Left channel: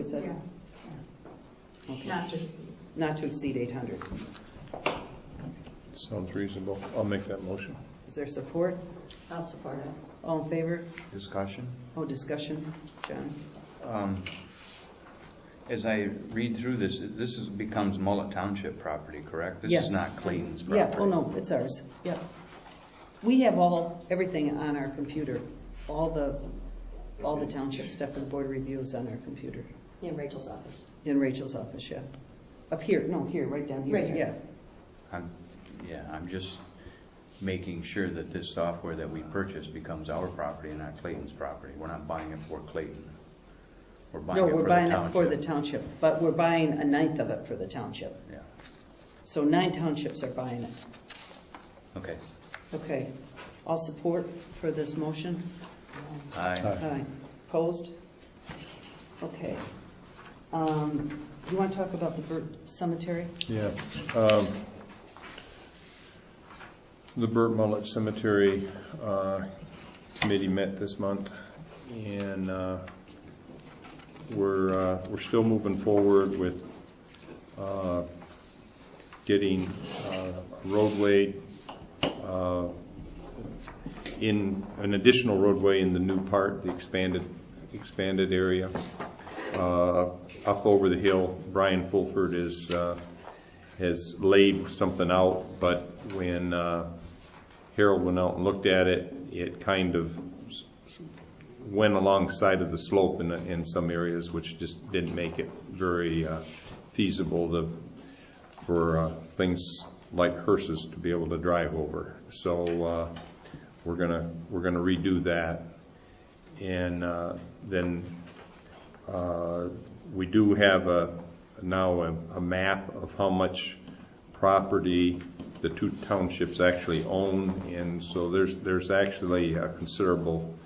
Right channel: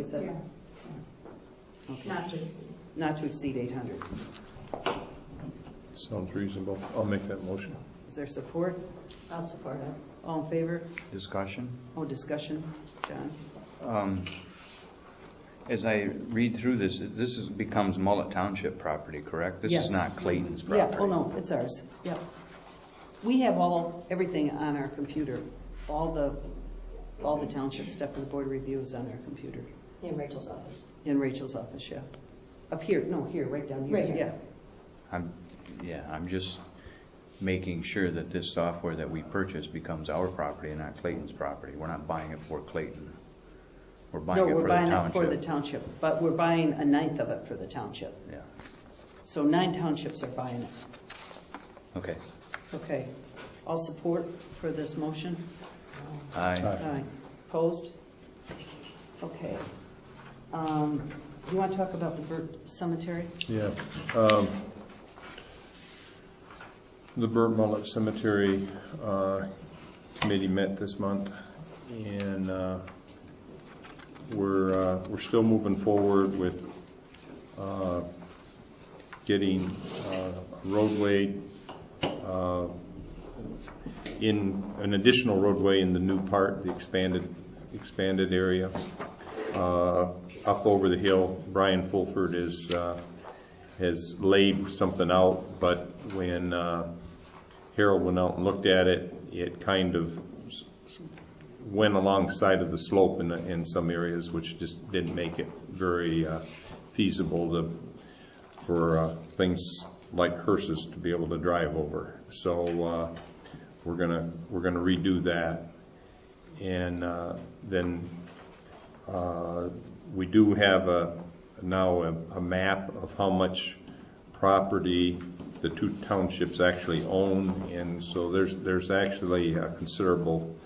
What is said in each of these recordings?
we said? Yeah. Okay. Not to exceed 800. Sounds reasonable. I'll make that motion. Is there support? I'll support it. All in favor? Discussion. Oh, discussion. John? As I read through this becomes Mullet Township property, correct? This Yes. is not Clayton's property. Yeah, oh no, it's ours, yeah. We have everything on our computer, all the township stuff and board reviews on our computer. In Rachel's office. In Rachel's office, yeah. Up here, no, here, right down here, Right here. yeah. I'm just making sure that this software that we purchase becomes our property and not Clayton's property. We're not buying it for Clayton. We're buying it for the township. No, we're buying it for the township, but we're buying 1/9 of it for the township. Yeah. So 9 townships are buying it. Okay. Okay. All support for this motion? Aye. Aye. Opposed? Okay. You want to talk about the Burt Cemetery? Yeah. The Burt-Mullett Cemetery committee met this month, and we're still moving forward with getting a roadway in an additional roadway in the new part, the expanded area up over the hill. Brian Fulford has laid something out, but when Harold went out and looked at it, it kind of went alongside of the slope in some areas, which just didn't make it very feasible for things like hearses to be able to drive over. So we're gonna redo that, and then we do have now a map of how much property the 2 townships actually own, and so there's actually a considerable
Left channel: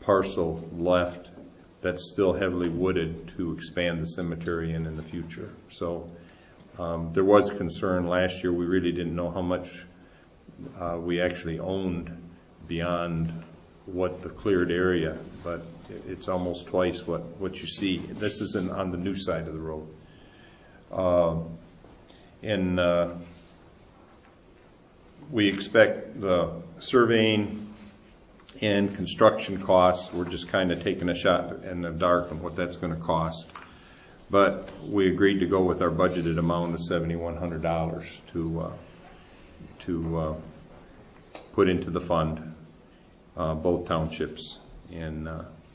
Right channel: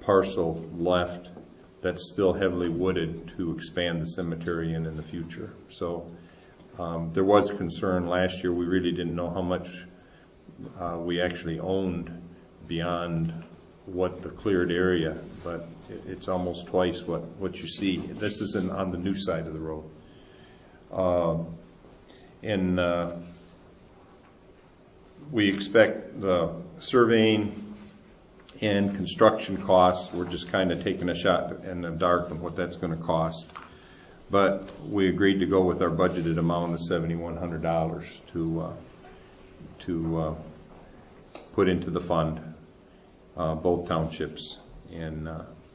parcel left that's still heavily wooded to expand the cemetery in the future. So there was concern last year. We really didn't know how much we actually owned beyond what the cleared area, but it's almost twice what you see. This isn't on the new side of the road. And we expect the surveying and construction costs, we're just kind of taking a shot in the dark of what that's going to cost. But we agreed to go with our budgeted amount of $7,100 to put into the fund, both townships, and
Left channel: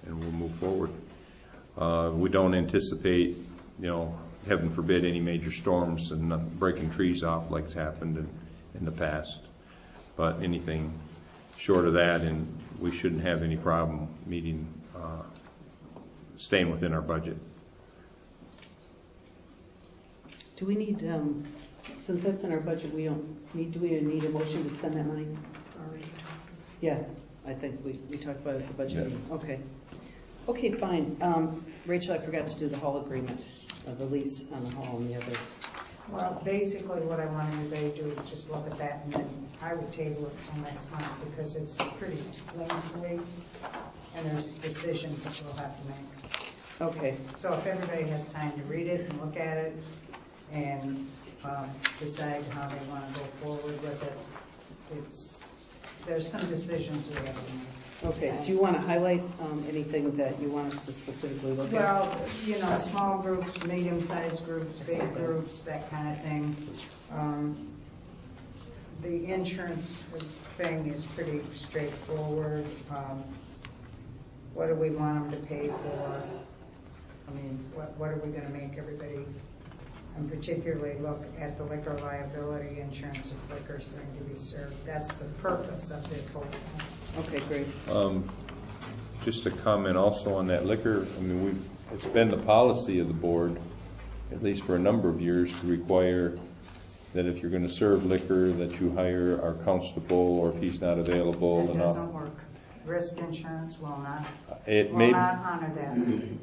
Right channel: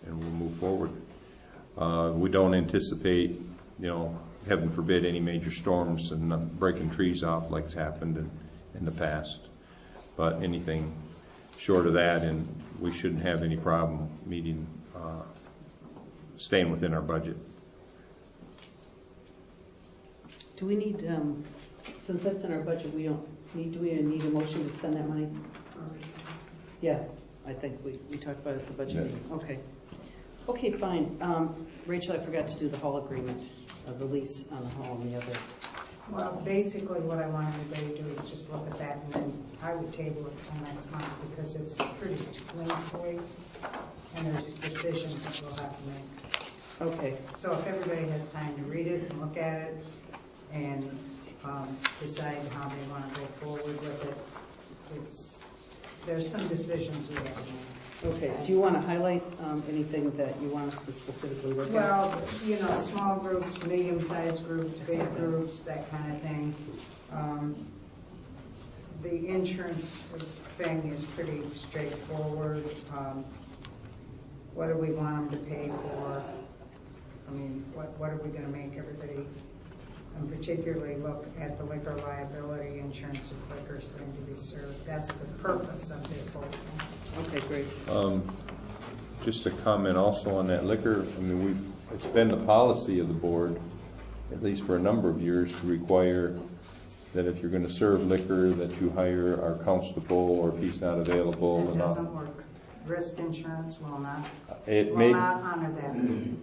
we'll move forward. We don't anticipate, heaven forbid, any major storms and breaking trees off like's happened in the past. But anything short of that, and we shouldn't have any problem staying within our budget. Do we need, since that's in our budget, do we need a motion to spend that money? Yeah, I think we talked about it at the budget meeting. Okay. Okay, fine. Rachel, I forgot to do the hall agreement, the lease on the hall and the other. Well, basically what I want everybody to do is just look at that, and then I would table it till next month because it's pretty lengthy and there's decisions that we'll have to make. Okay. So if everybody has time to read it and look at it and decide how they want to go forward with it, there's some decisions we have to make. Okay. Do you want to highlight anything that you want us to specifically look at? Well, small groups, medium-sized groups, big groups, that kind of thing. The insurance thing is pretty straightforward. What do we want them to pay for? I mean, what are we going to make everybody? And particularly look at the liquor liability insurance if liquor is going to be served. That's the purpose of this whole thing. Okay, great. Just a comment also on that liquor. I mean, it's been the policy of the board, at least for a number of years, to require that if you're going to serve liquor, that you hire our constable, or if he's not available. It doesn't work. Risk insurance will not. Not honor that.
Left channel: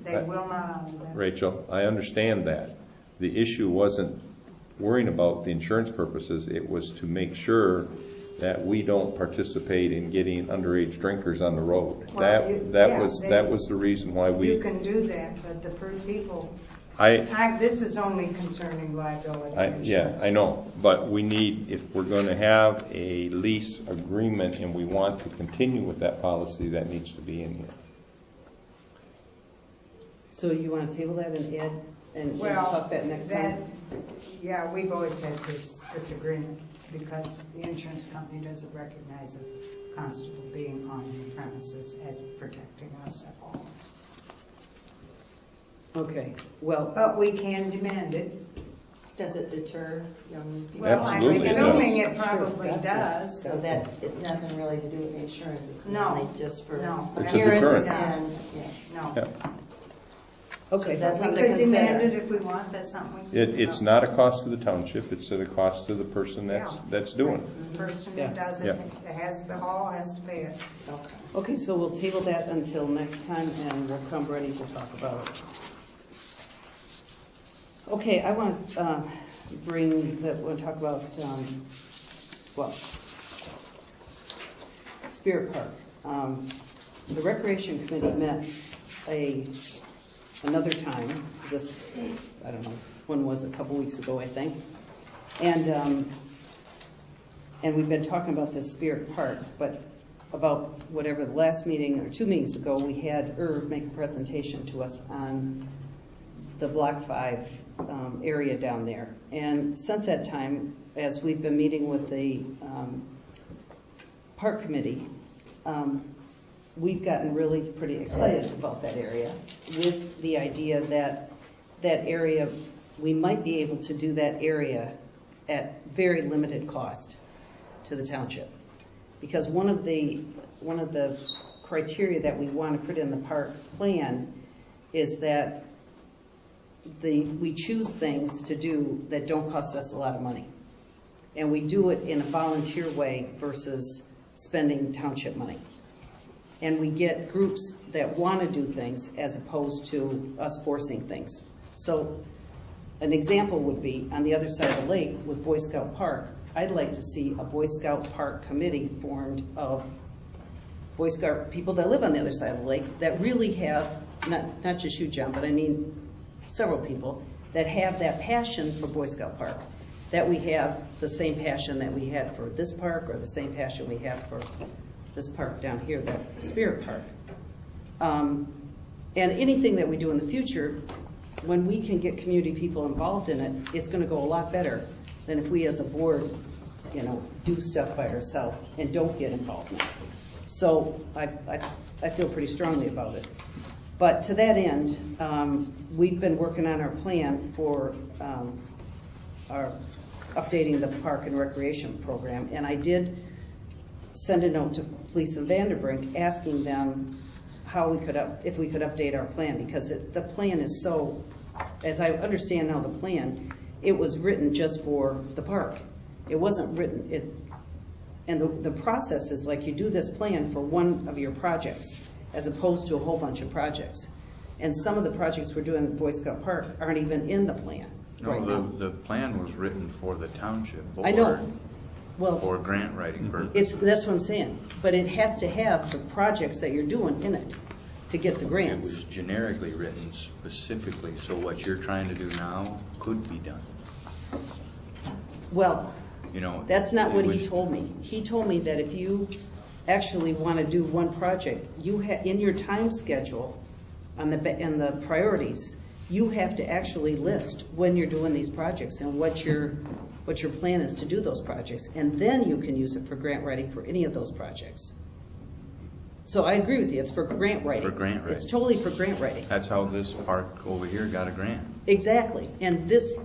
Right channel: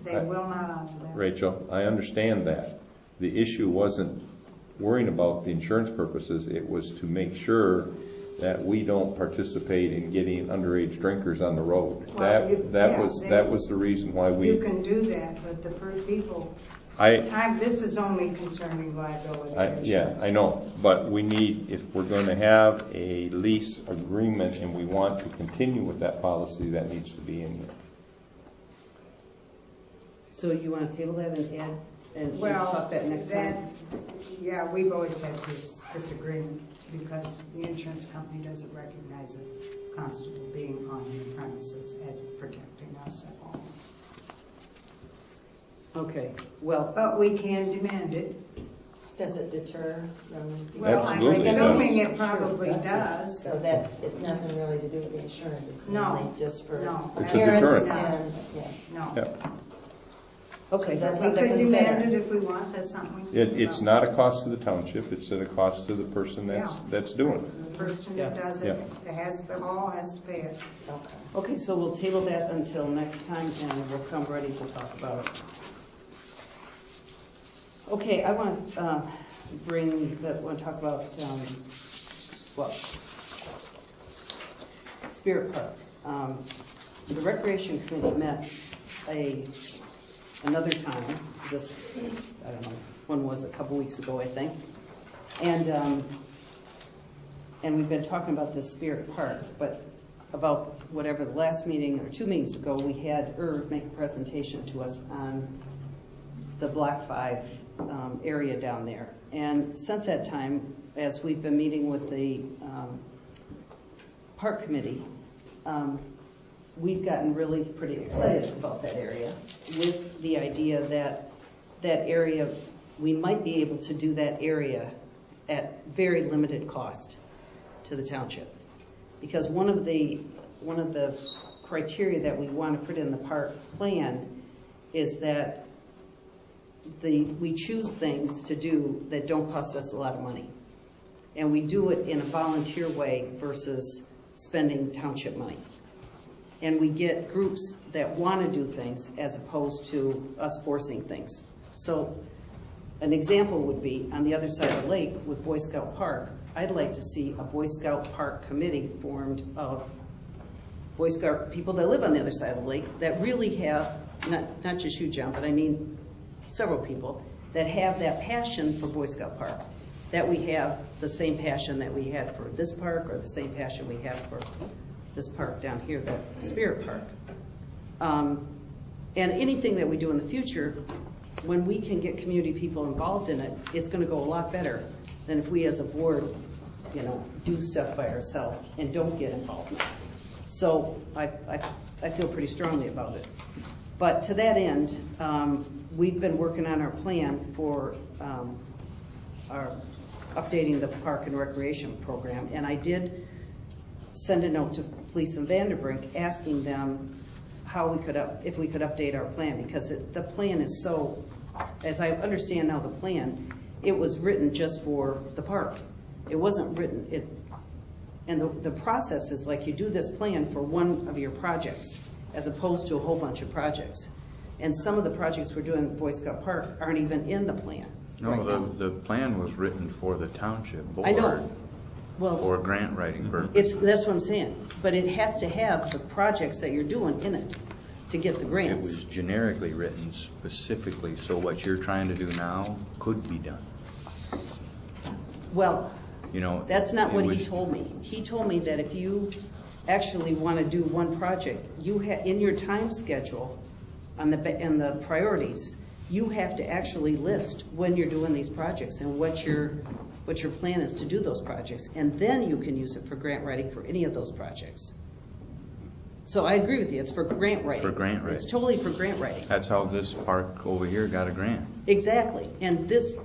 They will not honor that. Rachel, I understand that. The issue wasn't worrying about the insurance purposes. It was to make sure that we don't participate in getting underage drinkers on the road. Well, that was the reason why we. You can do that, but the people. I, This is only concerning liability. yeah, I know, but we need, if we're going to have a lease agreement and we want to continue with that policy, that needs to be in here. So you want to table that and add, and Well, talk that next time? Yeah, we've always had this disagreement because the insurance company doesn't recognize a constable being on the premises as protecting us at all. Okay, well, But we can demand it. Does it deter them? Well, I'm Absolutely it assuming does. it probably does. So that's, it's nothing really to do with the insurance, it's No, only just for no. It's a appearance deterrent. and, yeah. No. Yeah. okay, That's We something could to demand consider. it if we want, that's something. It's not a cost to the township, it's at a cost to the person that's doing it. The person Yeah. who does it, has the hall, has to pay it. Okay. okay, so we'll table that until next time and we'll come ready to talk about it. Okay, I want to want to talk about, Spirit Park. The Recreation Committee met another time, this, I don't know, when was it, a couple weeks ago, I think. And we've been talking about this Spirit Park, but about whatever the last meeting or 2 meetings ago, we had Irv make a presentation to us on the Block 5 area down there. And since that time, as we've been meeting with the Park Committee, we've gotten really pretty excited about that area with the idea that that area, we might be able to do that area at very limited cost to the township. Because one of the criteria that we want to put in the park plan is that we choose things to do that don't cost us a lot of money. And we do it in a volunteer way versus spending township money. And we get groups that want to do things as opposed to us forcing things. So an example would be on the other side of the lake with Boy Scout Park. I'd like to see a Boy Scout Park committee formed of Boy Scout people that live on the other side of the lake that really have, not just you, John, but I mean several people that have that passion for Boy Scout Park, that we have the same passion that we had for this park or the same passion we had for this park down here, the Spirit Park. And anything that we do in the future, when we can get community people involved in it, it's going to go a lot better than if we as a board, do stuff by ourselves and don't get involved. So I feel pretty strongly about it. But to that end, we've been working on our plan for our updating the park and recreation program, and I did send a note to Fleece and Vanderbrink asking them if we could update our plan, because the plan is so, as I understand now the plan, it was written just for the park. It wasn't written, and the process is like you do this plan for one of your projects as opposed to a whole bunch of projects. And some of the projects we're doing at Boy Scout Park aren't even in the plan right now. The plan was written for the township board. I know. Well, For grant writing purposes. that's what I'm saying. But it has to have the projects that you're doing in it to get the It grants. was generically written specifically, so what you're trying to do now could be done. Well, that's not it what was- he told me. He told me that if you actually want to do one project, in your time schedule and the priorities, you have to actually list when you're doing these projects and what your plan is to do those projects, and then you can use it for grant writing for any of those projects. So I agree with you, it's for grant writing. For grant writing. It's totally for grant writing. That's how this park over here got a grant. Exactly, and this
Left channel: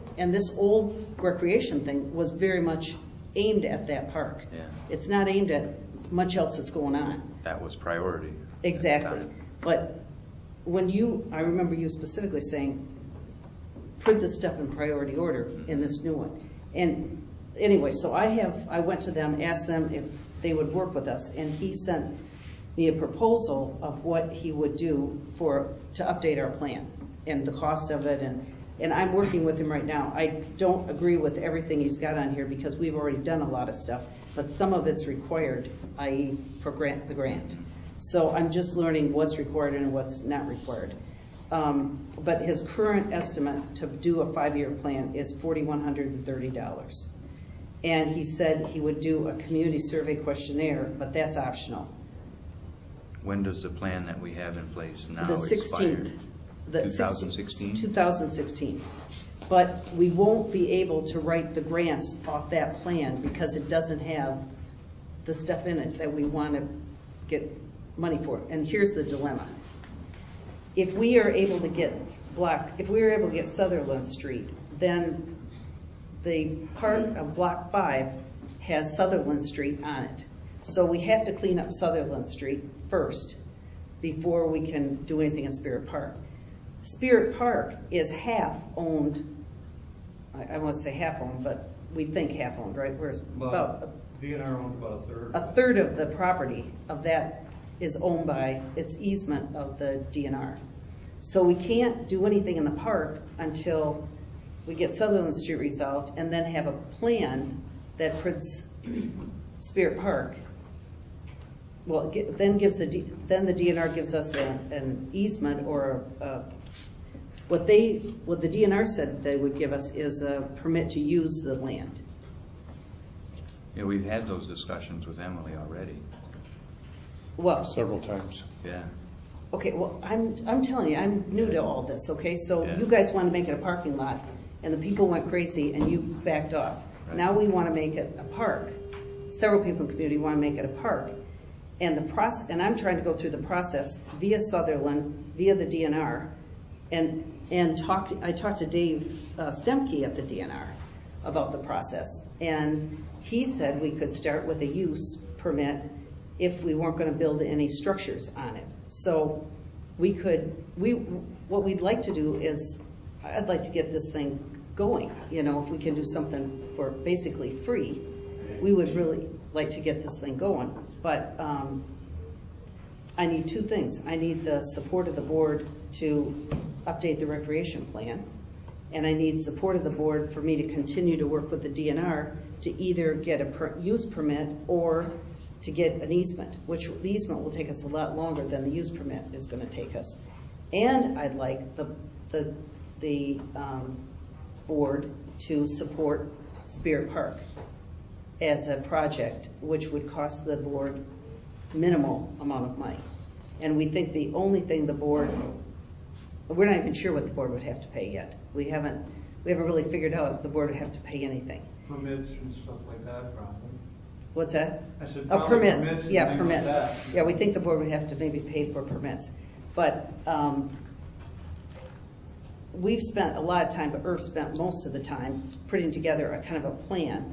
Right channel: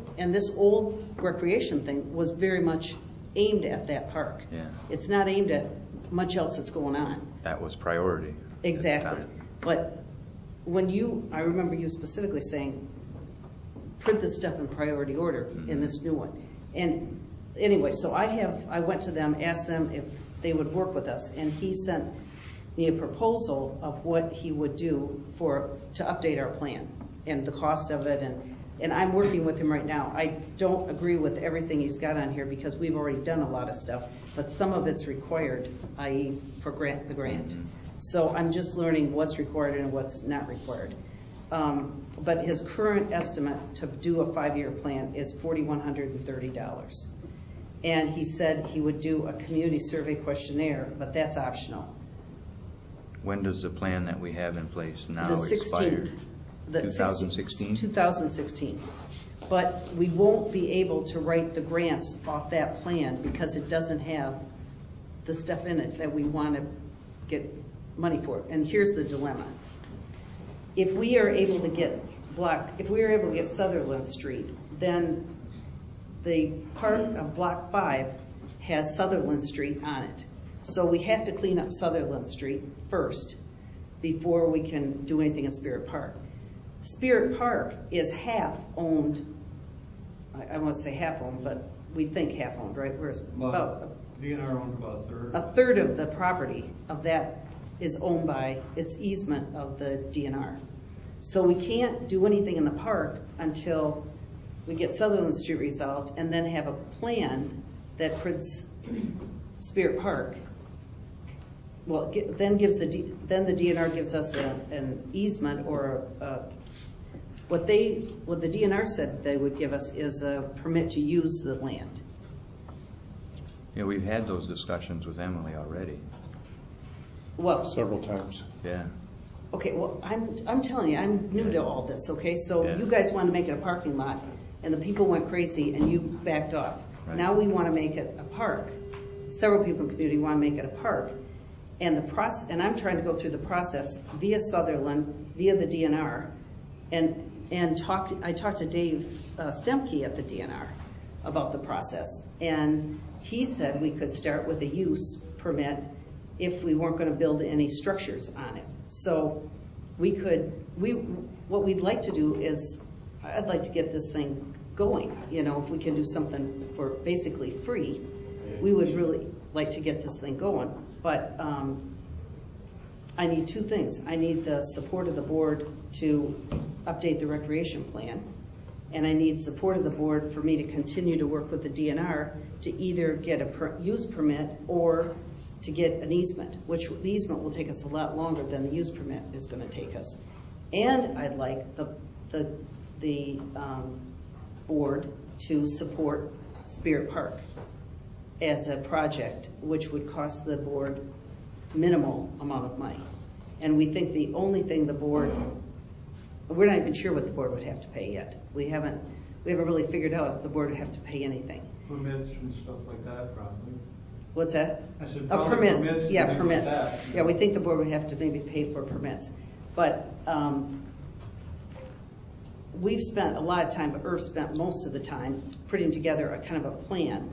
old recreation thing was very much aimed at that park. Yeah. It's not aimed at much else that's going on. That was priority. Exactly. But I remember you specifically saying, print this stuff in priority order in this new one. And anyway, so I went to them, asked them if they would work with us, and he sent me a proposal of what he would do to update our plan and the cost of it, and I'm working with him right now. I don't agree with everything he's got on here because we've already done a lot of stuff, but some of it's required, i.e. for the grant. So I'm just learning what's required and what's not required. but his current estimate to do a 5-year plan is $4,130. And he said he would do a community survey questionnaire, but that's optional. When does the plan that we have in place now The expire? 16th. The 2016? 2016. But we won't be able to write the grants off that plan because it doesn't have the stuff in it that we want to get money for. And here's the dilemma. If we are able to get Sutherland Street, then the part of Block 5 has Sutherland Street on it. So we have to clean up Sutherland Street first before we can do anything at Spirit Park. Spirit Park is half owned, I won't say half owned, but we think half owned, right? Whereas about DNR owns about a third. a third of the property of that is owned by, it's easement of the DNR. So we can't do anything in the park until we get Sutherland Street resolved and then have a plan that puts Spirit Park. Well, then the DNR gives us an easement or what the DNR said they would give us is a permit to use the land. Yeah, we've had those discussions with Emily already. Well, Several times. Yeah. okay, well, I'm telling you, I'm new to all this, okay? So Yeah. you guys want to make it a parking lot, and the people went crazy, and you backed off. Right. Now we want to make it a park. Several people in the community want to make it a park. And I'm trying to go through the process via Sutherland, via the DNR, and I talked to Dave Stemke at the DNR about the process. And he said we could start with a use permit if we weren't going to build any structures on it. So what we'd like to do is, I'd like to get this thing going. You know, if we can do something for basically free, we would really like to get this thing going. But I need two things. I need the support of the board to update the recreation plan, and I need support of the board for me to continue to work with the DNR to either get a use permit or to get an easement, which the easement will take us a lot longer than the use permit is going to take us. And I'd like the board to support Spirit Park as a project, which would cost the board minimal amount of money. And we think the only thing we're not even sure what the board would have to pay yet. We haven't really figured out if the board would have to pay anything. Permits and stuff like that, probably. What's that? I said Oh, probably permits. and Yeah, things like permits. that. Yeah, we think the board would have to maybe pay for permits. But we've spent a lot of time, but Irv spent most of the time putting together a kind of a plan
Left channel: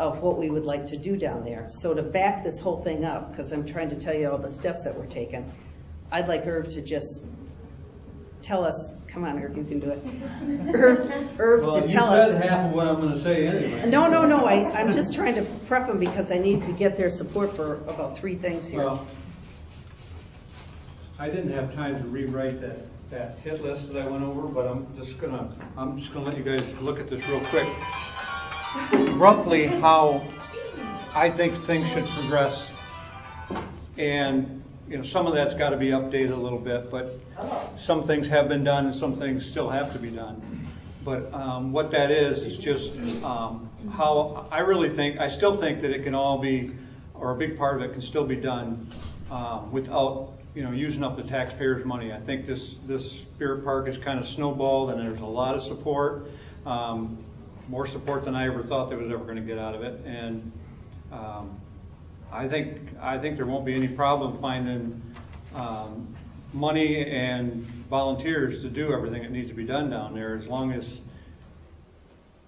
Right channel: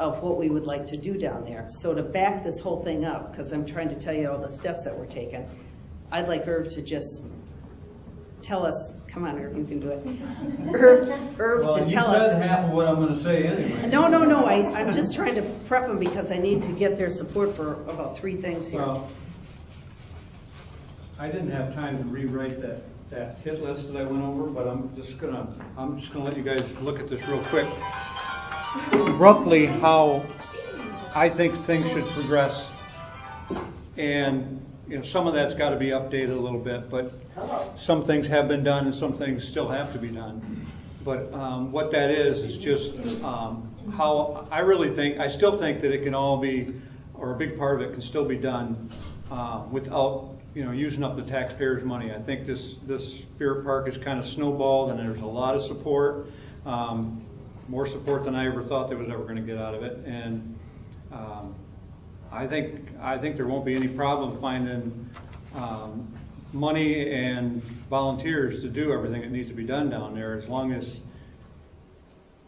of what we would like to do down there. So to back this whole thing up, because I'm trying to tell you all the steps that we're taking, I'd like Irv to just tell us, come on, Irv, you can do it. Irv Well, to you tell us. said half of what I'm gonna say anyway. No, I'm just trying to prep them because I need to get their support for about 3 things here. Well, I didn't have time to rewrite that hit list that I went over, but I'm just gonna let you guys look at this real quick. Roughly how I think things should progress, and some of that's got to be updated a little bit, but some things have been done and some things still have to be done. But what that is just how I still think that it can all be, or a big part of it can still be done without using up the taxpayers' money. I think this Spirit Park is kind of snowballed, and there's a lot of support. More support than I ever thought there was ever going to get out of it, and I think there won't be any problem finding money and volunteers to do everything that needs to be done down there, as long as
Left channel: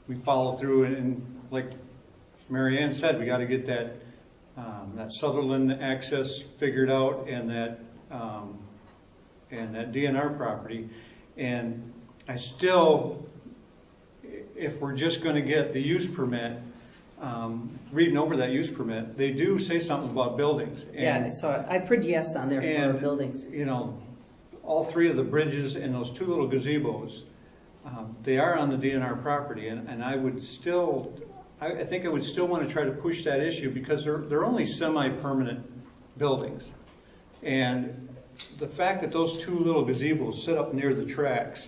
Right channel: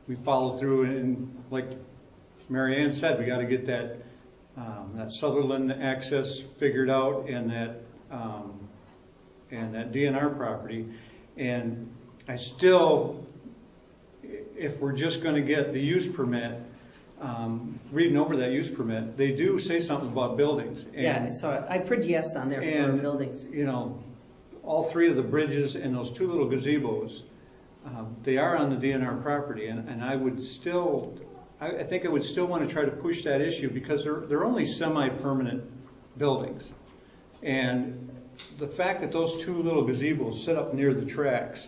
we follow through. And like MaryAnne said, we got to get that Sutherland access figured out, and that DNR property. And I still, if we're just going to get the use permit, reading over that use permit, they do say something about buildings. Yeah, so I put yes on there for buildings. All 3 of the bridges and those 2 little gazebos, they are on the DNR property, and I think I would still want to try to push that issue, because they're only semi-permanent buildings. And the fact that those two little gazebos sit up near the tracks,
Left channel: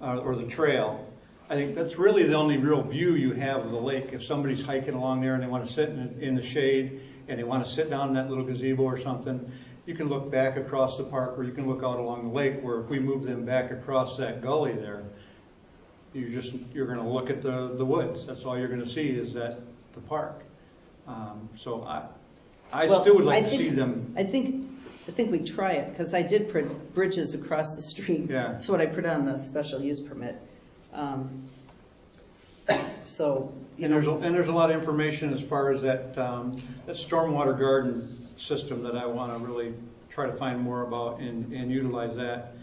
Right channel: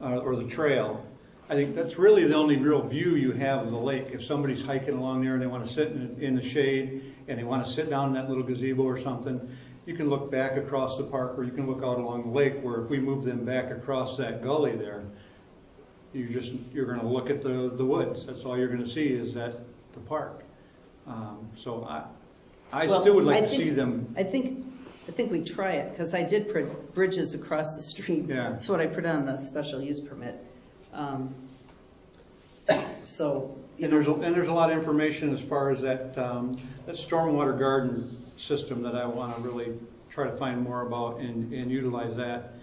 or the trail, I think that's really the only real view you have of the lake. If somebody's hiking along there and they want to sit in the shade and they want to sit down in that little gazebo or something, you can look back across the park, or you can look out along the lake, where if we move them back across that gully there, you're going to look at the woods. That's all you're going to see is the park. So I still would like to see them. I think we try it, because I did print bridges across the street. Yeah. That's what I put on the special use permit. So, And there's a lot of information as far as that stormwater garden system that I want to really try to find more about and utilize that.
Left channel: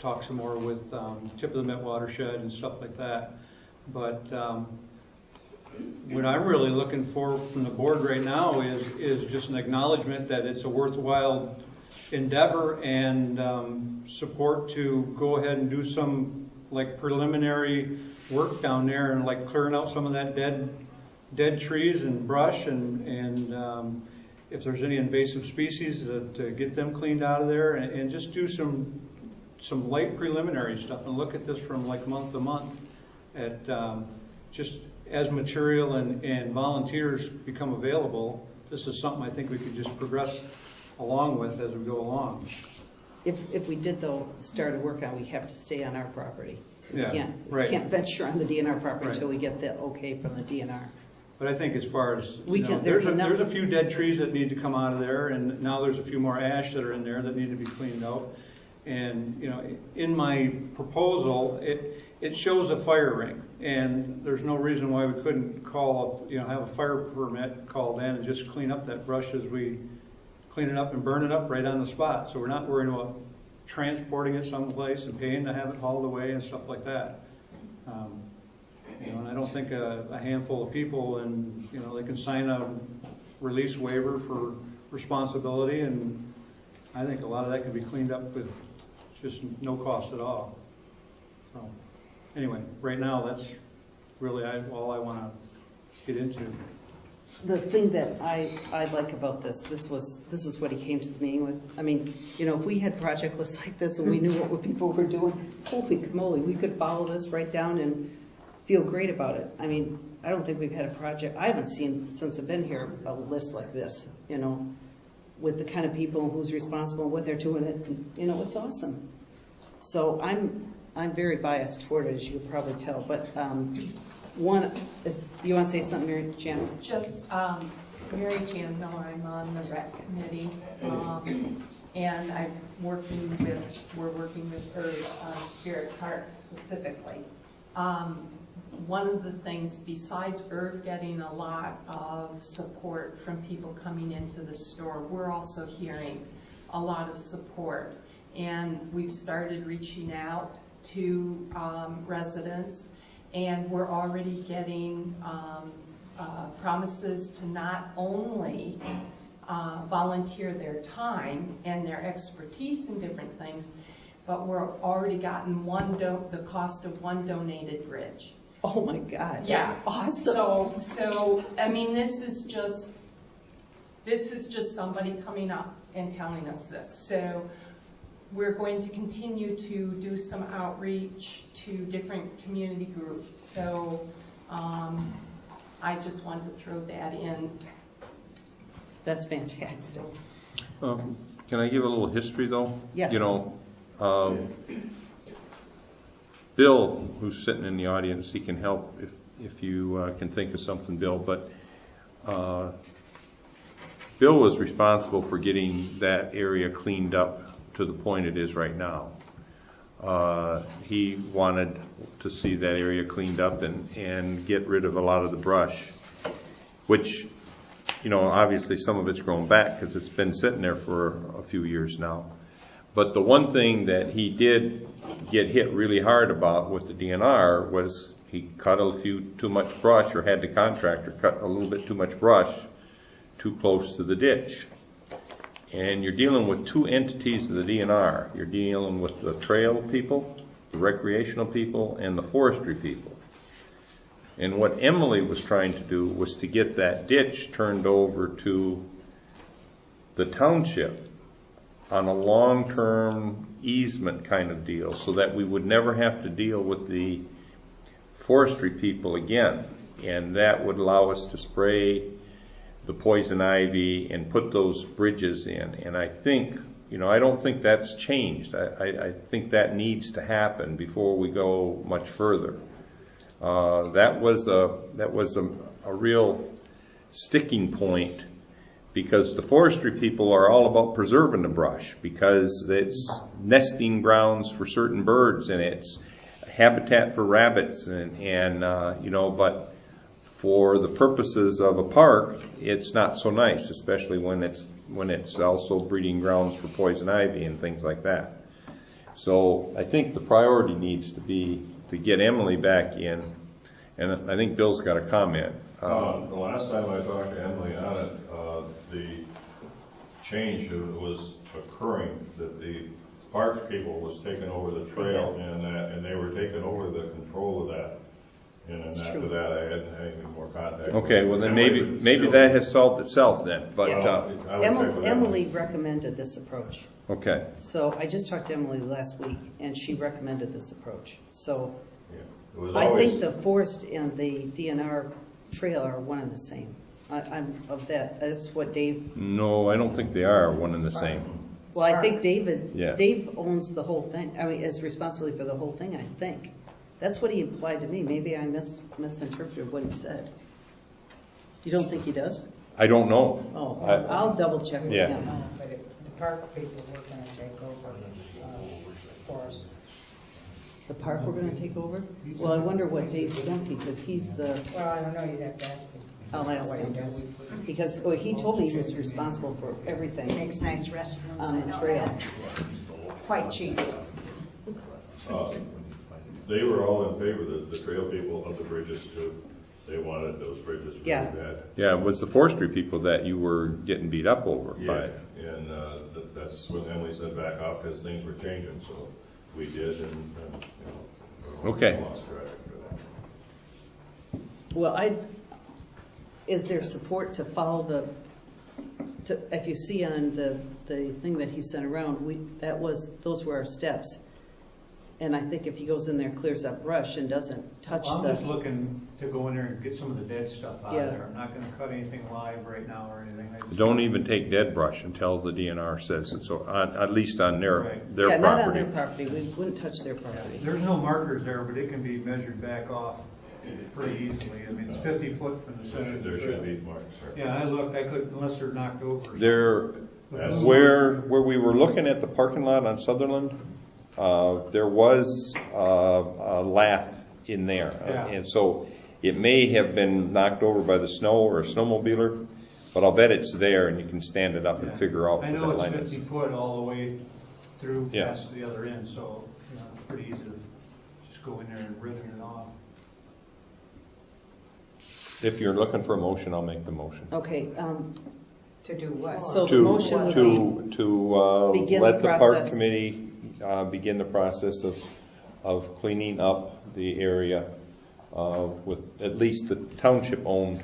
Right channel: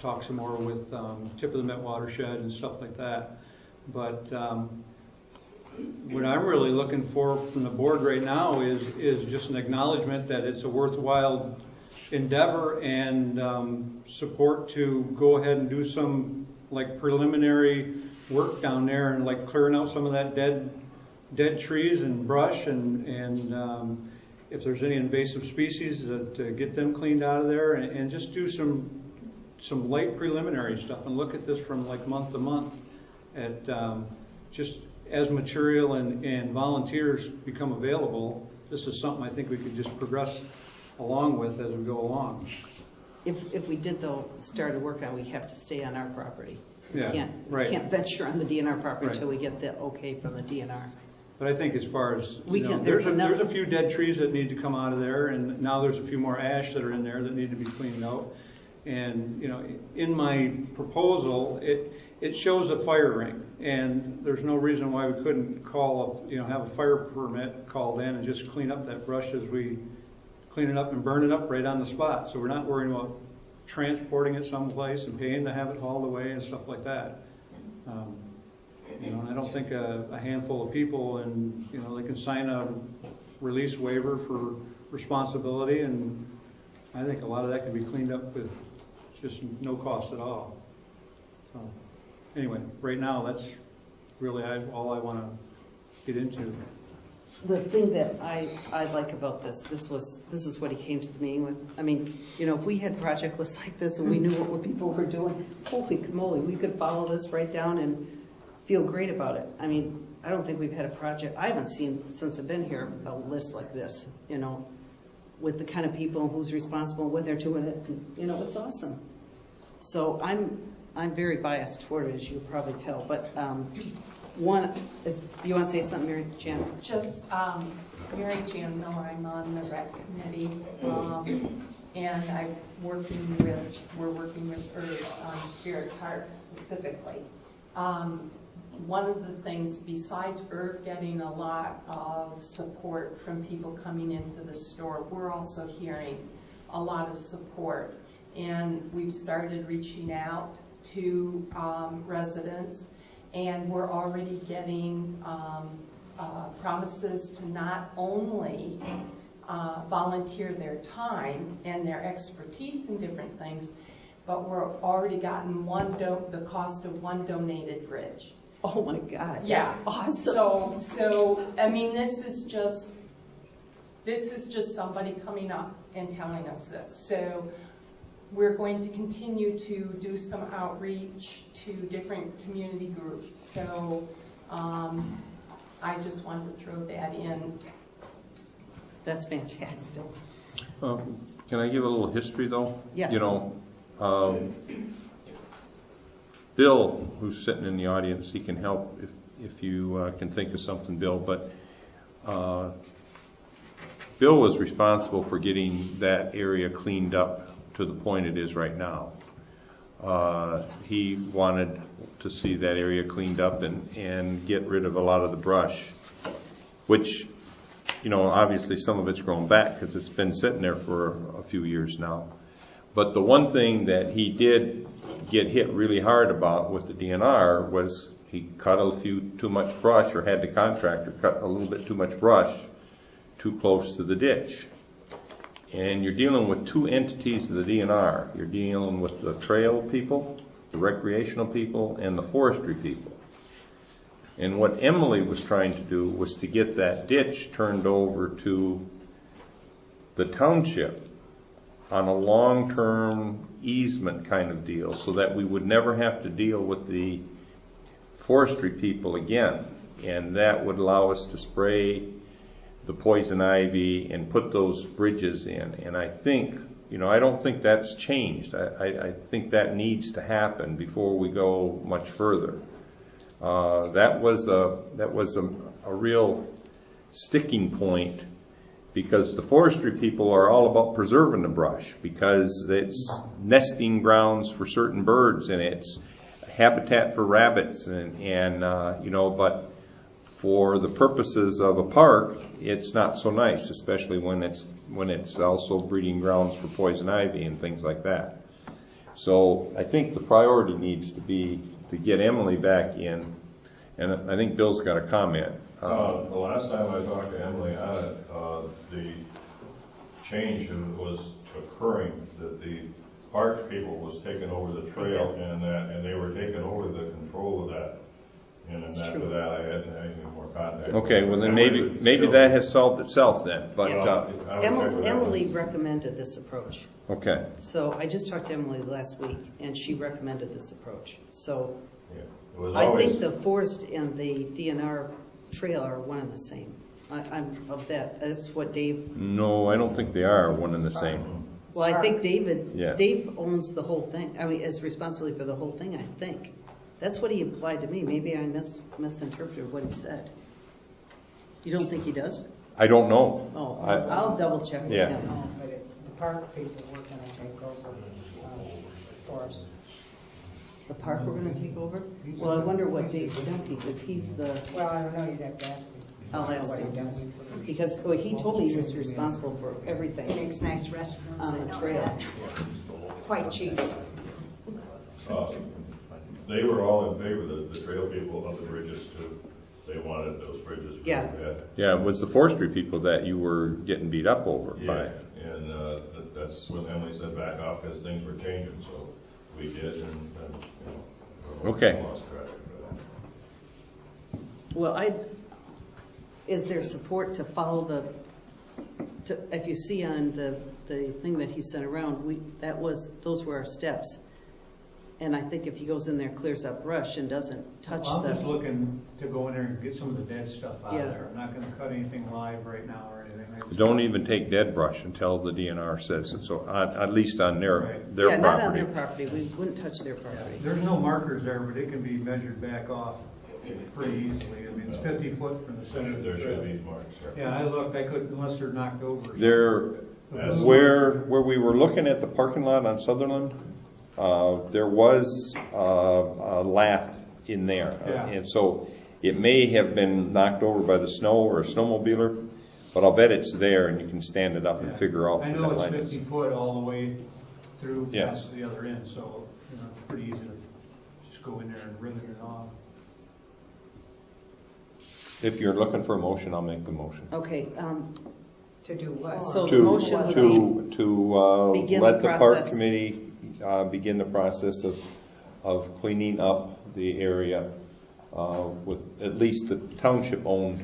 Talk some more with Tip of the Met Watershed and stuff like that. But what I'm really looking for from the board right now is just an acknowledgement that it's a worthwhile endeavor and support to go ahead and do some like preliminary work down there and like clearing out some of that dead trees and brush and if there's any invasive species, to get them cleaned out of there and just do some light preliminary stuff and look at this from like month to month at just as material and volunteers become available. This is something I think we could just progress along with as we go along. if we did though start a work on, we have to stay on our property. Yeah, We right. can't venture on the DNR property Right. until we get the okay from the DNR. But I think as far as, We can- there's there's enough- a few dead trees that need to come out of there, and now there's a few more ash that are in there that need to be cleaned out. And, in my proposal, it shows a fire ring, and there's no reason why we couldn't have a fire permit called in and just clean up that brush as we clean it up and burn it up right on the spot. So we're not worried about transporting it someplace and paying to have it hauled away and stuff like that. I don't think a handful of people and, they can sign a release waiver for responsibility, and I think a lot of that can be cleaned up with just no cost at all. So, anyway, right now, that's really all I want to get into. The thing that I like about this is what he came to the meeting with. I mean, if we had project lists like this and we knew what people were doing, holy moly, we could follow this right down and feel great about it. I mean, I don't think we've had a project, I haven't seen since I've been here, a list like this, with the kind of people who's responsible, what they're doing it, it's awesome. So I'm very biased toward it, as you can probably tell, but one is, you want to say something, Mary-Jan? Just, Mary-Jan Miller, I'm on the rec committee, and we're working with Earth on Spirit Park specifically. One of the things, besides Earth getting a lot of support from people coming into the store, we're also hearing a lot of support. And we've started reaching out to residents, and we're already getting promises to not only volunteer their time and their expertise in different things, but we're already gotten the cost of one donated bridge. Oh my God! Yeah, that's awesome. So I mean, this is just somebody coming up and telling us this. So we're going to continue to do some outreach to different community groups. So I just wanted to throw that in. That's fantastic. Can I give a little history though? Yeah. Bill, who's sitting in the audience, he can help if you can think of something, Bill. But Bill was responsible for getting that area cleaned up to the point it is right now. He wanted to see that area cleaned up and get rid of a lot of the brush, which, obviously some of it's grown back because it's been sitting there for a few years now. But the one thing that he did get hit really hard about with the DNR was he cut too much brush, or had the contractor cut a little bit too much brush too close to the ditch. And you're dealing with two entities of the DNR. You're dealing with the trail people, the recreational people, and the forestry people. And what Emily was trying to do was to get that ditch turned over to the township on a long-term easement kind of deal, so that we would never have to deal with the forestry people again. And that would allow us to spray the poison ivy and put those bridges in. And I think, I don't think that's changed. I think that needs to happen before we go much further. That was a real sticking point, because the forestry people are all about preserving the brush, because it's nesting grounds for certain birds and it's habitat for rabbits and but for the purposes of a park, it's not so nice, especially when it's also breeding grounds for poison ivy and things like that. So I think the priority needs to be to get Emily back in, and I think Bill's got a comment. The last time I talked to Emily on it, the change that was occurring, that the park people was taking over the trail and they were taking over the control of that. And then after that, I hadn't had any more contact. Okay, well then maybe that has solved itself then. But Emily recommended this approach. okay, So I just talked to Emily last week, and she recommended this approach. So Yeah. It was I always, think the forest and the DNR trail are one and the same. I'm of that. That's what Dave. no, I don't think they are one and the same. Well, I think Yeah. Dave owns the whole thing. I mean, is responsible for the whole thing. I think that's what he implied to me. Maybe I misinterpreted what he said. You don't think he does? I don't know. Oh, I- I'll double check with Yeah. him. No, but the park people were gonna take over for us. The park we're going to take over? Well, I wonder what Dave Stempe, because he's the. Well, I don't know, you'd have to ask him. I'll ask What he him. does. Because he told me he was responsible for He everything makes nice restrooms. on the trail. Quite cheap. they were all in favor, the trail people of the bridges too. They wanted those bridges really Yeah. bad. Yeah, it was the forestry people that you were getting beat up over by. Yeah, and that's when Emily said back off because things were changing, so we did, and Okay. we lost track for that. Well, is there support to follow if you see on the thing that he sent around, those were our steps. And I think if he goes in there, clears up brush and doesn't touch I'm just the, looking to go in there and get some of the dead stuff out Yeah. of there. I'm not gonna cut anything live right now or anything. I just- Don't even take dead brush until the DNR says it, so at least on their Right. their yeah, property. not on their property. We wouldn't touch their Yeah, property. there's no markers there, but it can be measured back off pretty easily. I mean, it's 50 foot from the center of the There should trail. be marks there. Yeah, I looked, I couldn't, unless they're knocked over. Where we were looking at the parking lot on Sutherland, there was a lath in there. Yeah. And so it may have been knocked over by the snow or a snowmobiler, but I'll bet it's there and you can stand it up and Yeah. figure out I where know that it's line 50 is. foot all the way through Yeah. past the other end, so it's pretty easy to just go in there and rivet it off. If you're looking for a motion, I'll make the motion. Okay, To do what? So the motion would be To begin let the the park process. committee begin the process of cleaning up the area with at least the township-owned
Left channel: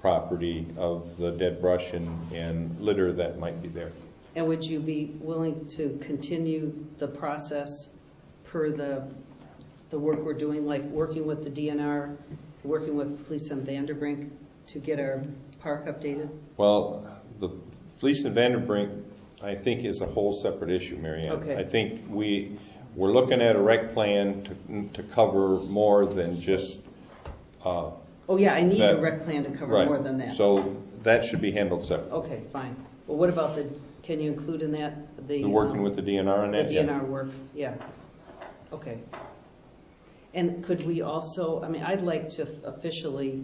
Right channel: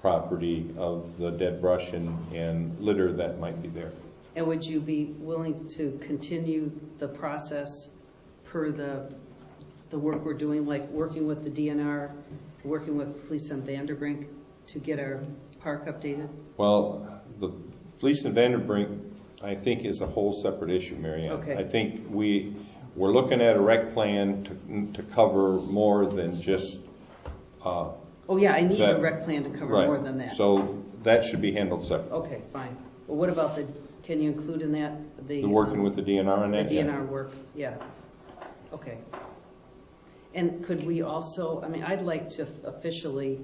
property of the dead brush and litter that might be there. and would you be willing to continue the process per the work we're doing, like working with the DNR, working with Fleece and Vanderbrink to get our park updated? Well, the Fleece and Vanderbrink, I think, is a whole separate issue, MaryAnne. Okay. I think we're looking at a rec plan to cover more than just Oh, yeah, I need that- a rec plan to cover right. more than that. So that should be handled separately. Okay, fine. Well, what about can you include in that the? We're working with the DNR on The that, yeah. DNR work, yeah. Okay. And could we also, I'd like to officially,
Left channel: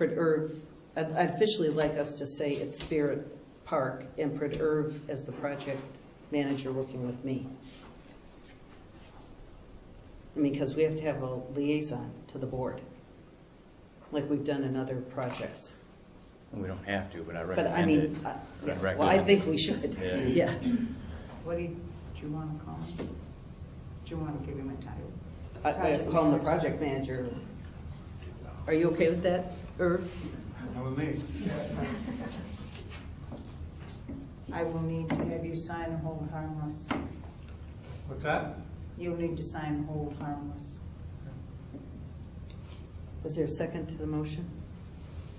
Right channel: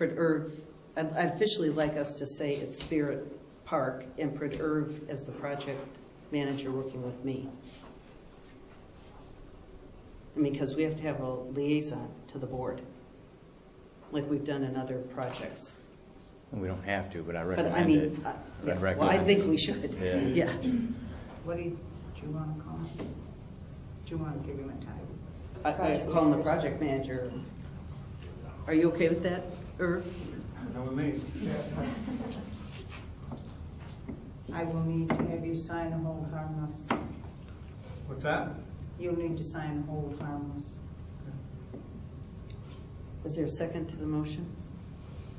I'd officially like us to say it's Spirit Park and Pred Irv as the project manager working with me. Because we have to have a liaison to the board, like we've done in other projects. We don't have to, but I But recommend it. well, I recommend think it. we should, Yeah. yeah. What do you want to call him? Do you want to give him a title? I call him the project manager. Are you okay with that, Irv? Know what I mean? I will need to have you sign a hold harmless. What's that? You'll need to sign hold harmless. Is there a second to the motion?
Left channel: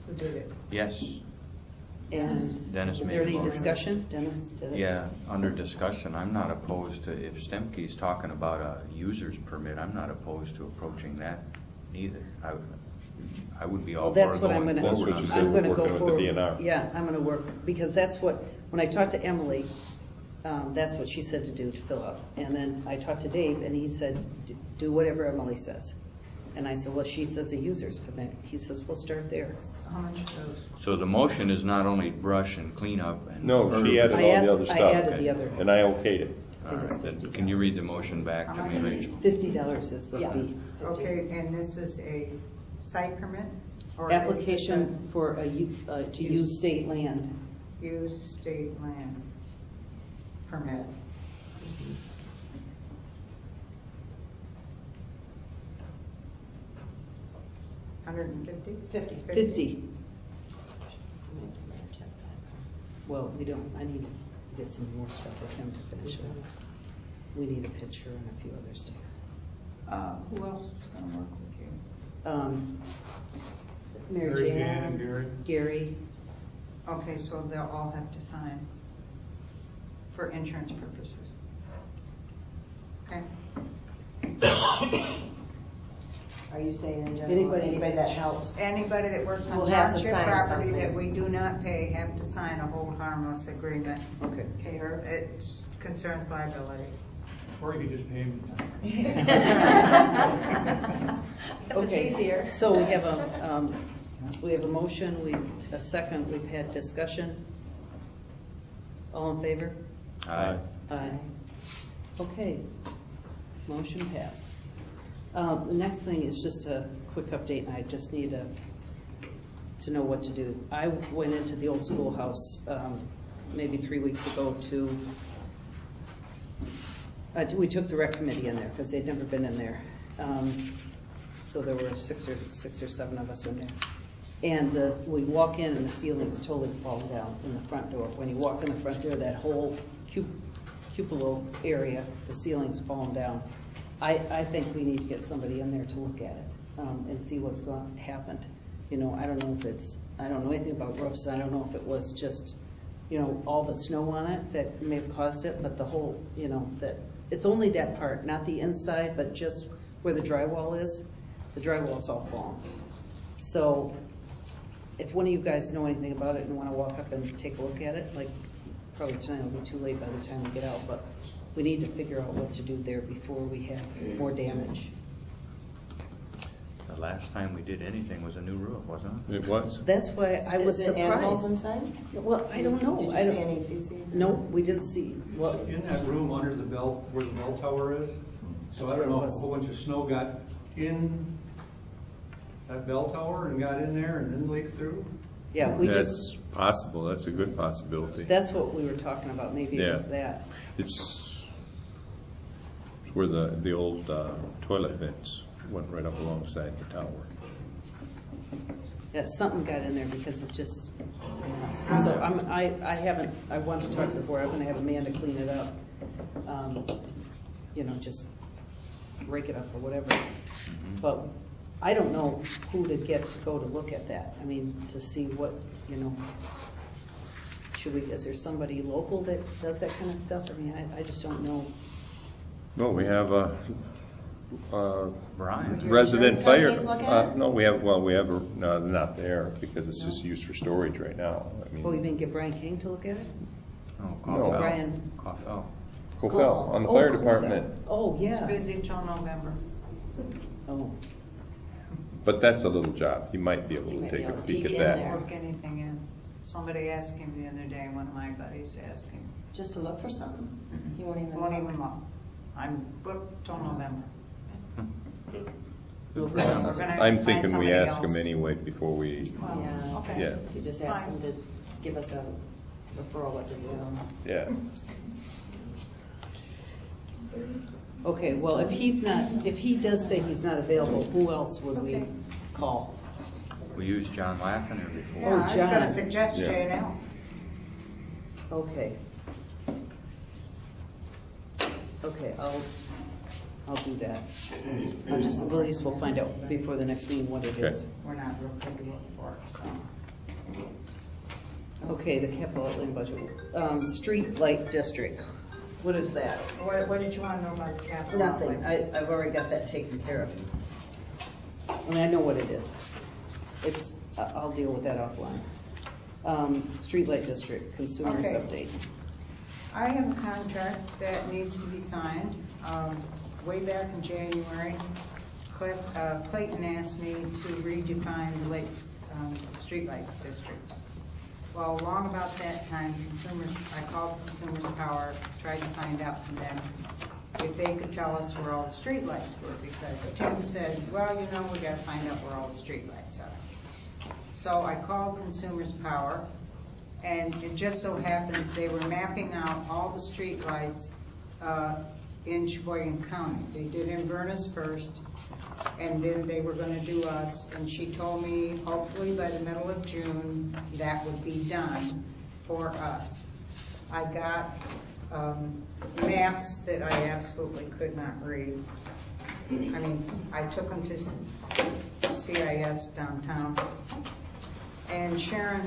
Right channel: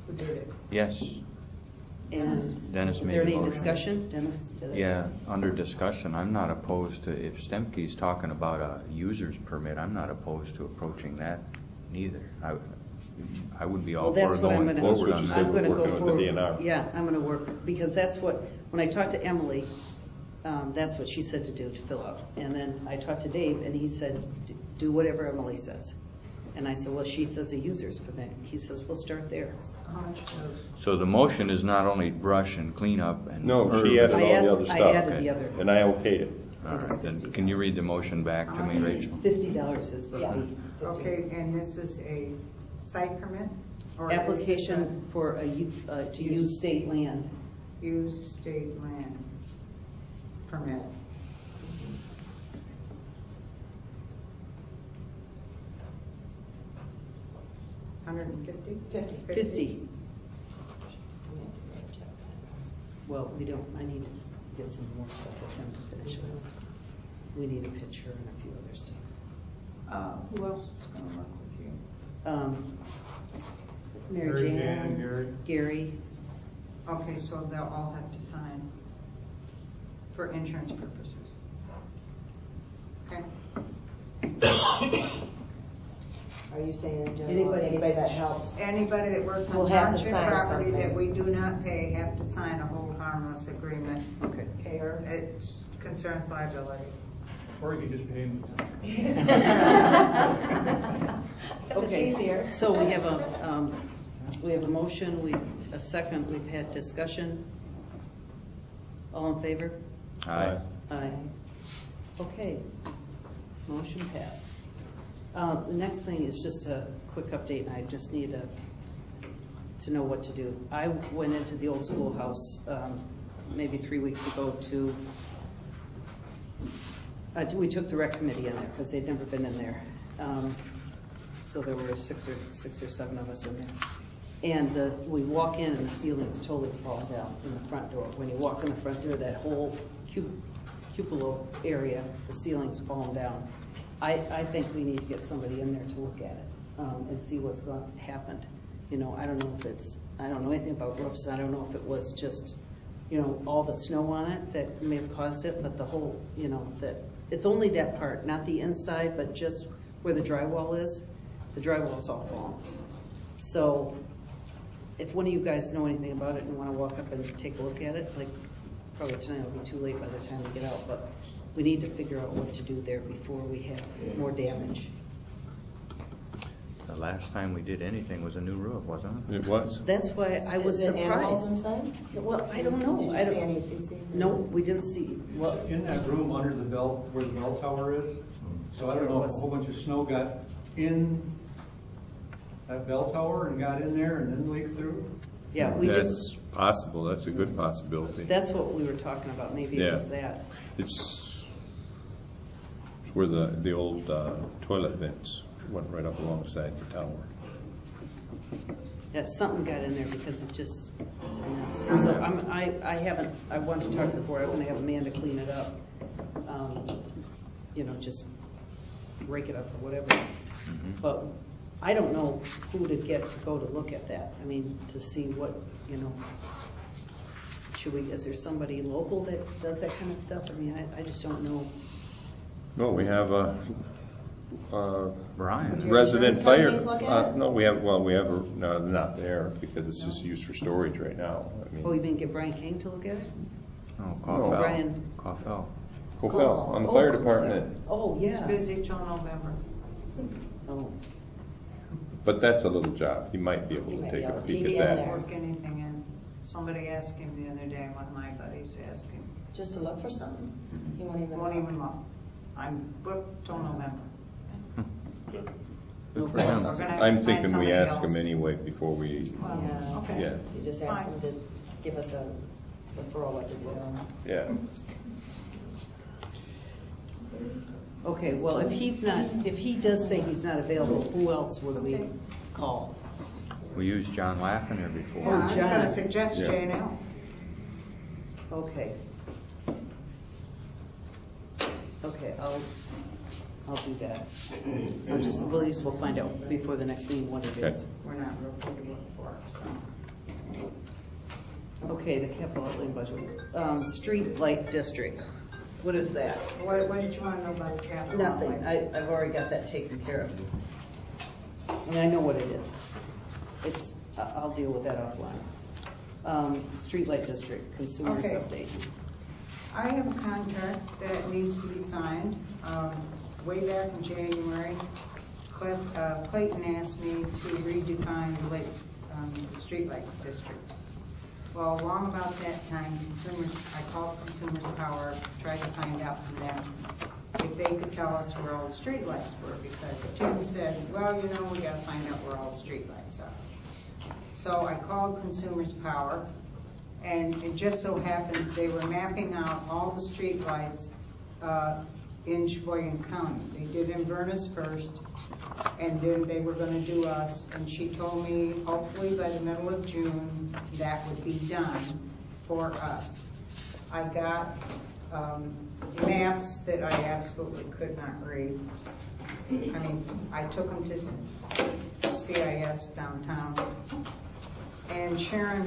Who did it? Yes, And Dennis is made there a any motion. discussion? Dennis did. Yeah, under discussion, I'm not opposed to, if Stemke's talking about a user's permit, I'm not opposed to approaching that either. I would be all Well, for that's what I'm going gonna. That's forward what on you that. said. I'm we're gonna working go with the forward. DNR. Yeah, I'm gonna work, because that's what, when I talked to Emily, that's what she said to do, to fill out. And then I talked to Dave, and he said, do whatever Emily says. And I said, well, she says a user's permit. He says, we'll start there. How much goes? So the motion is not only brush and cleanup and. No, she added all the other I stuff, added the other. and I okayed it. All right, then can you read the motion back to me, Rachel? $50 is the Yeah. fee. Okay, and this is a site permit? Or is Application for to use state land. this a use state land permit? $150? 50. Well, we don't, I need to get some more stuff for him to finish up. We need a picture and a few other stuff. Who else is gonna work with you? Mary Mary Ann Jan, and Gary. Okay, so they'll all have to sign for insurance purposes. Okay. Are you saying in general, anybody that helps? Anybody that works on Will have to township sign property something. that we do not pay have to sign a hold harmless agreement. Okay. Fair. It concerns liability. Or you could just pay him. Okay, so we have a motion, a second, we've had discussion. All in favor? Aye. Aye. Okay, motion passed. The next thing is just a quick update, and I just need to know what to do. I went into the old schoolhouse, maybe 3 weeks ago we took the rec committee in there, because they'd never been in there. So there were six or seven of us in there. And we walk in and the ceiling's totally fallen down in the front door. When you walk in the front door, that whole cupola area, the ceiling's fallen down. I think we need to get somebody in there to look at it and see what's going to happen. You know, I don't know anything about roofs. I don't know if it was just, all the snow on it that may have caused it, but the whole, that it's only that part, not the inside, but just where the drywall is. The drywall's all fallen. So if one of you guys know anything about it and want to walk up and take a look at it, like probably tonight will be too late by the time we get out, but we need to figure out what to do there before we have more damage. The last time we did anything was a new roof, wasn't it? It was? That's why I was Is it animals surprised. inside? Well, I don't know. Did you see any feces? No, we didn't see. Well, in that room under the bell, where the bell tower is, so I don't know if a whole bunch of snow got in that bell tower and got in there and then leaked through. Yeah, That's possible. That's a good possibility. that's what we were talking about. Maybe it Yeah. was that. It's where the old toilet vents went right up alongside the tower. Yeah, something got in there because it just, it's a mess. So I wanted to talk to the board. I'm gonna have Amanda clean it up. Just break it up or whatever. But I don't know who to get to go to look at that. I mean, to see what, is there somebody local that does that kind of stuff? I mean, I just don't know. No, we have a Brian? resident insurance fire. companies look at it? No, no, not there because it's just used for storage right now. I Oh, you mean, didn't get Brian King to look at it? Oh, No. Brian. Coffell. Cofell, on the fire department. Oh, He's yeah. busy till November. Oh, But that's a little job. He might be able to take a peek at that. Work anything in. Somebody asked him the other day, one of my buddies asked him. Just to look for something? You won't even. Won't even look. I'm booked till November. I'm thinking we ask him anyway before we, Yeah. Okay. yeah, You just ask them to give us a referral what to do. yeah. okay, well, if he does say he's not available, who else would we call? We used John Laffiner before. Yeah, I was John. gonna suggest Yeah. J&L. Okay. Okay, I'll do that. At least we'll find out before the next meeting what it Okay. is. We're not real good to look for, so. Okay, the capital outlay budget. Street light district. What is that? What did you want to know about the capital? Nothing. outlay? I've already got that taken care of. I mean, I know what it is. I'll deal with that offline. Streetlight district, consumers Okay. update. I have a contract that needs to be signed. Way back in January, Clayton asked me to redefine the streetlight district. Well, along about that time, I called Consumers Power, tried to find out from them if they could tell us where all the streetlights were, because Tim said, well, we gotta find out where all the streetlights are. So I called Consumers Power, and it just so happens they were mapping out all the streetlights in Sheboygan County. They did Inverness first, and then they were gonna do us, and she told me hopefully by the middle of June, that would be done for us. I got maps that I absolutely could not read. I mean, I took them to CIS downtown, and Sharon